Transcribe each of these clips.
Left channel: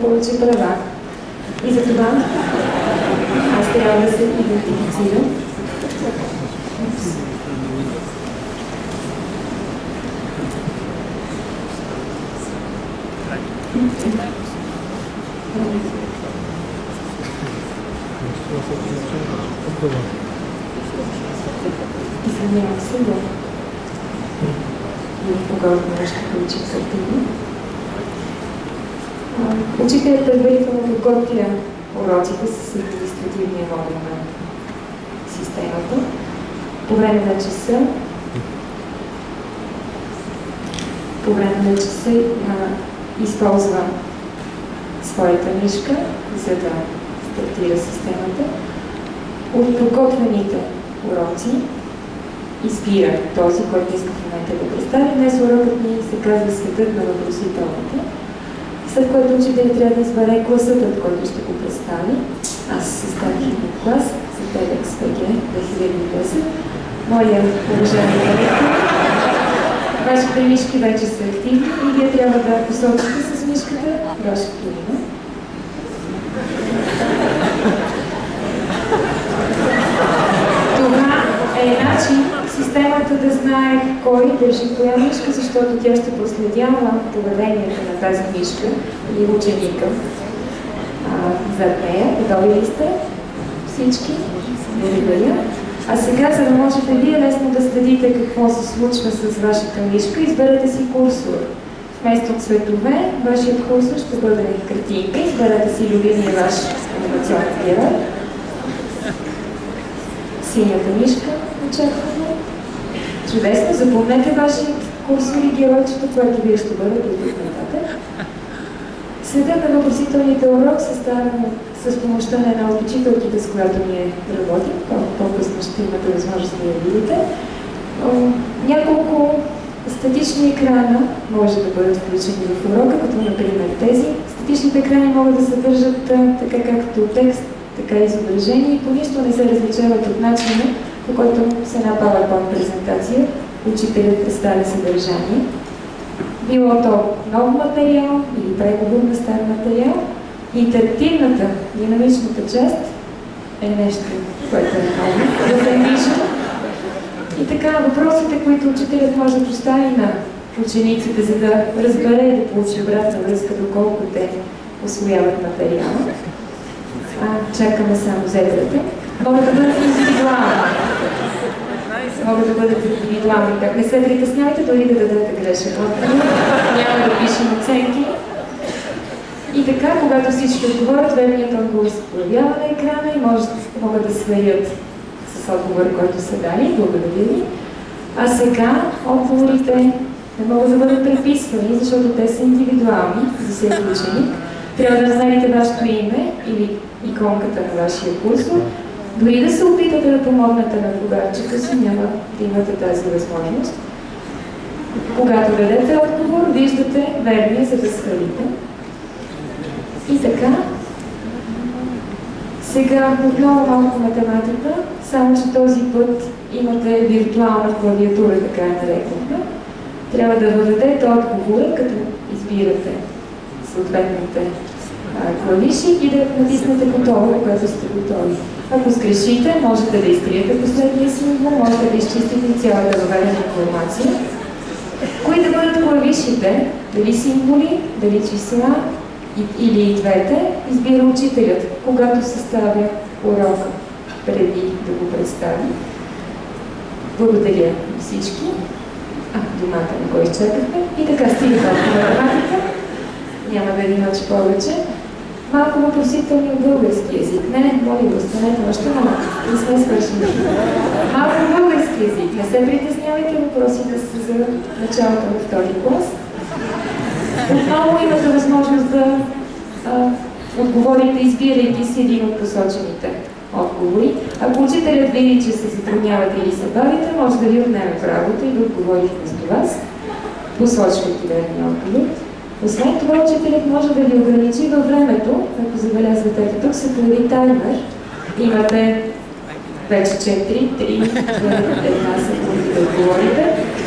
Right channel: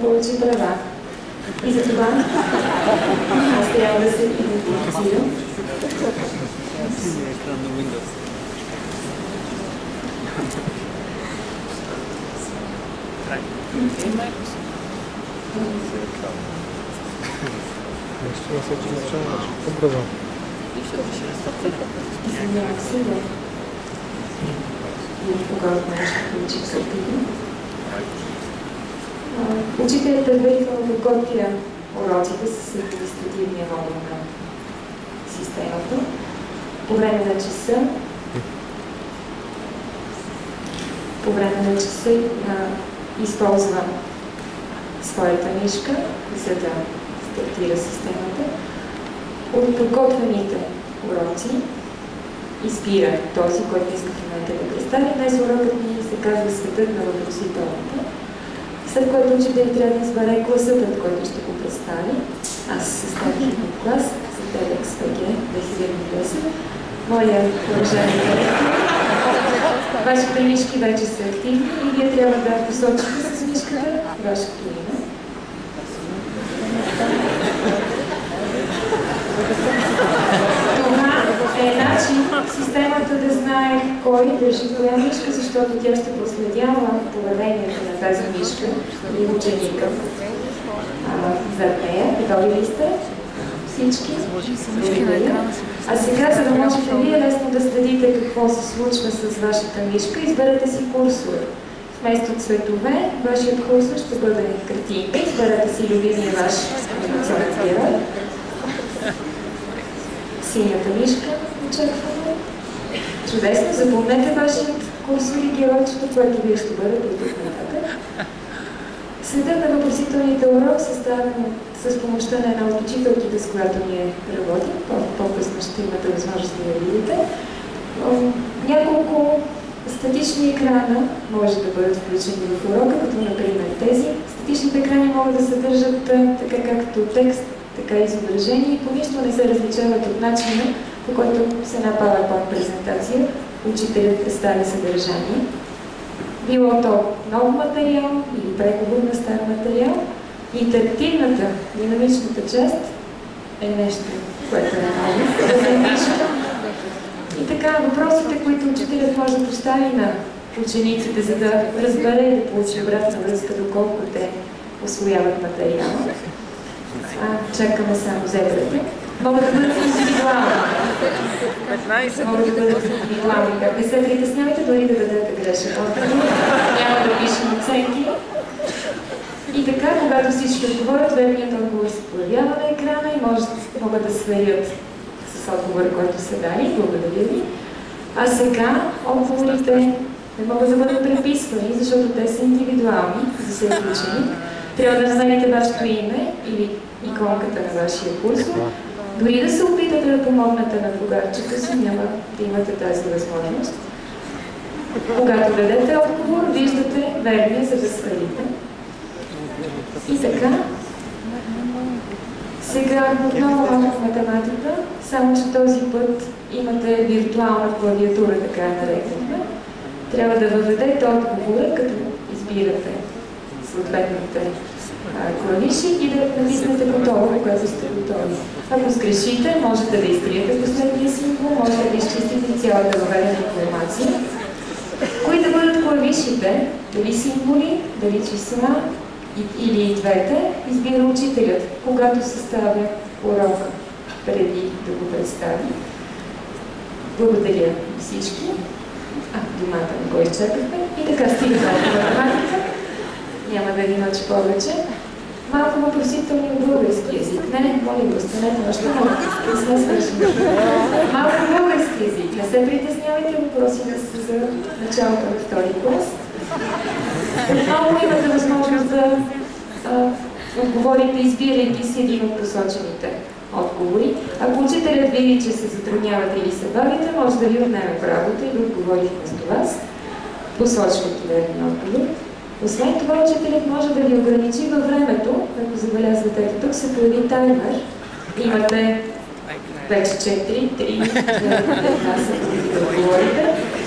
получи права. И затова аз трябва да се идентифицирам. Извинявам се, да. Когато нещо получи активно. Учителят предварително подготвя уроците с административния модул на системата. По време на часа използва своята мишка, за да стартира системата. От подготвените уроци избира този, който иска в момента да представи. Днес урокът ни се казва Светът на въпросителната, след което учителят трябва да избере класът, който ще го представи. Аз съставих клас за TEDx BG 2010. Моя уважаеми директор, вашите мишки вече са активни и вие трябва да посочите с мишката вашето име. Това е начин системата да знае кой държи коя мишка, защото тя ще проследява поведението на тази мишка и ученика зад нея. Готови ли сте? Всички? Благодаря. А сега, за да можете вие лесно да следите какво се случва с вашата мишка, изберете си курсор. Вместо цветове, вашият курсор ще бъде картинка. Изберете си любимия ваш анимационен герой. Синята мишка очакваме. Чудесно, запомнете вашият курсор и геройчето, което вие ще бъдете от тук нататък. Следът на въпросителните урок съставено с помощта на една от учителките, с която ние работим. По-късно ще имате възможност да я видите. Няколко статични екрана може да бъдат включени в урока, като например тези. Статичните екрани могат да съдържат така както текст, така и изображение и по нищо не се различават от начина, по който с една PowerPoint презентация учителят представя съдържание. Било то нов материал или преговор на стар материал. Интерактивната, динамичната част е нещо, което е ново, да се вижда. И така, въпросите, които учителят може да постави на учениците, за да разбере и да получи обратна връзка, доколко те усвояват материала. Чакаме само зебрата. Могат да бъдат индивидуални. Как не се притеснявайте, дори да дадете грешен отговор. Няма да пишем оценки. И така, когато всички отговорят, верният отговор се появява на екрана и могат да сверят с отговора, който са дали. Благодаря ви. А сега отговорите не могат да бъдат преписвани, защото те са индивидуални за всеки ученик. Трябва да знаете вашето име или иконката на вашия курсор. Дори да се опитате да помогнете на другарчето си, няма да имате тази възможност. Когато дадете отговор, виждате верния, за да свалите. И така, сега отново малко математика, само че този път имате виртуална клавиатура, така я нарекохме. Трябва да въведете отговора, като избирате съответните клавиши и да натиснете готово, когато сте готови. Ако сгрешите, можете да изтриете последния символ, можете да изчистите цялата въведена информация. Кои да бъдат клавишите, дали символи, дали числа или и двете, избира учителят, когато съставя урока, преди да го представи. Благодаря всички. Внимателно го изчакахме. И така стигаме до математика. Няма да ви мъча повече. Малко въпросителни от български език. Не, моли го, останете още малко. Не сме свършили. Малко български език. Не се притеснявайте, въпросите са за началото на втори клас. Отново имате възможност да отговорите, избирайки си един от посочените отговори. Ако учителят види, че се затруднявате или се бавите, може да ви отнеме правото и да отговори вместо вас, посочвайки верния отговор. Освен това, учителят може да ви ограничи във времето. Ако забелязвате, тук се появи таймер. Имате вече 4, 3, 2, 1 секунди да отговорите.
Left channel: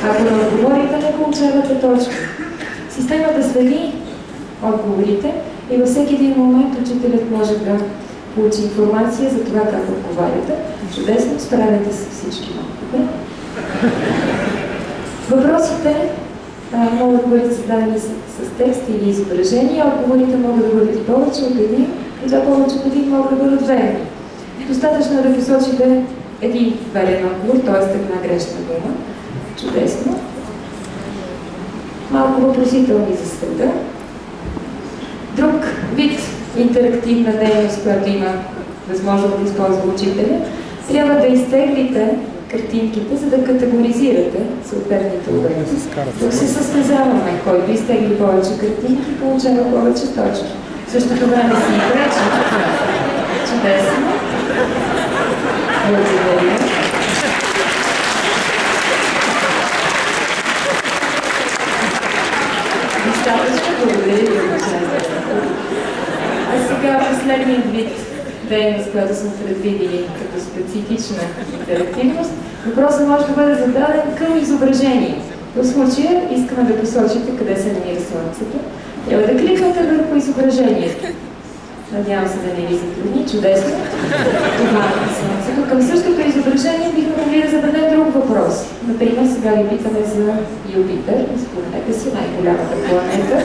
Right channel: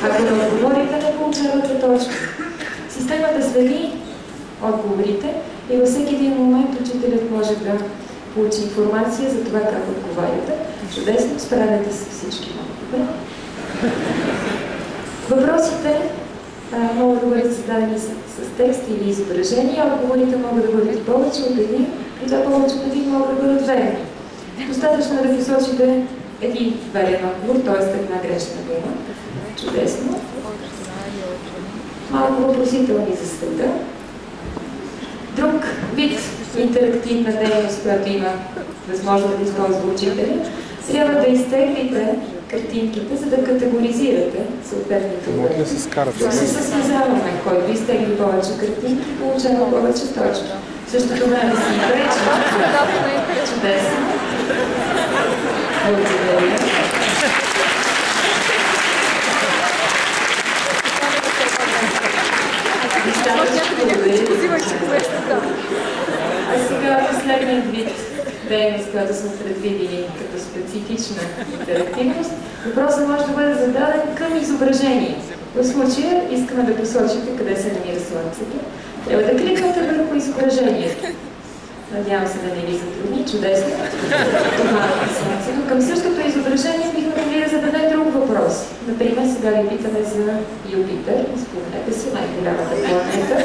Ако не отговорите, не получавате точка. Системата следи отговорите и във всеки един момент учителят може да получи информация за това как отговаряте. Чудесно, справяте се всички много добре. Въпросите могат да бъдат зададени с текст или изображения, отговорите могат да бъдат повече от един, и това повече от един могат да бъдат верни. Достатъчно е да посочите един верен отговор, т.е. една грешна дума. Чудесно. Малко въпросителни за света. Друг вид интерактивна дейност, която има възможност да използва учителя, трябва да изтеглите картинките, за да категоризирате съответните уроки. Тук се състезаваме, който изтегли повече картинки, получава повече точно. В същото време си пречи. Чудесно. Благодаря. А сега последният вид дейност, която сме предвидили като специфична интерактивност, въпросът може да бъде зададен към изображение. В случая искаме да посочите къде се намира Слънцето. Трябва да кликнете върху изображението. Надявам се да не ви затрудни. Чудесно. Това е Слънцето. Към същото изображение бихме могли да зададем друг въпрос. Например, сега ви питаме за Юпитер. Спомнете си, най-голямата планета.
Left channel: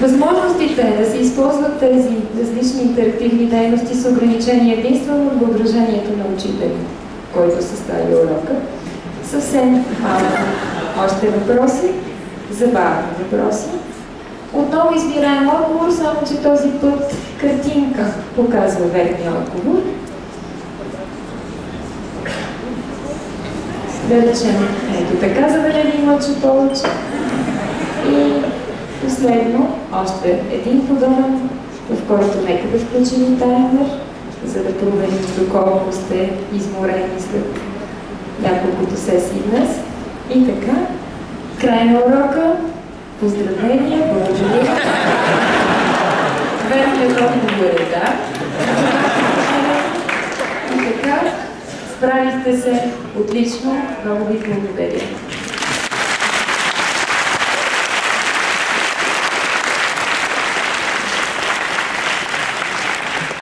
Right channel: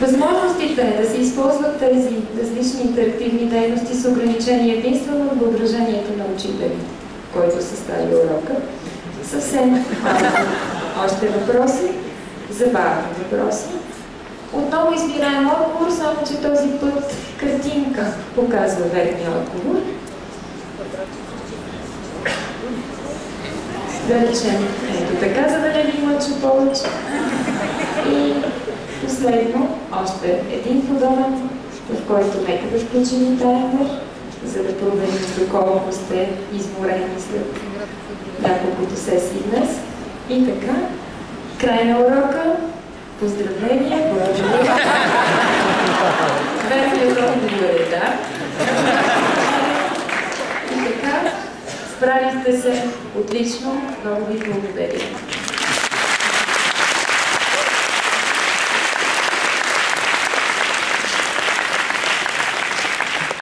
Възможностите да се използват тези различни интерактивни дейности са ограничени единствено от въображението на учителя, който състави урока. Съвсем малко още въпроси, забавни въпроси. Отново избираем отговор, само че този път картинка показва верния отговор. Да речем, ето така, за да не ви мъча повече. И последно, още един подобен, в който нека да включим таймер, за да проверим доколко сте изморени след няколкото сесии днес. И така, край на урока. Поздравления, благодаря. Верният отговор е да. И така, справихте се отлично. Много ви благодаря.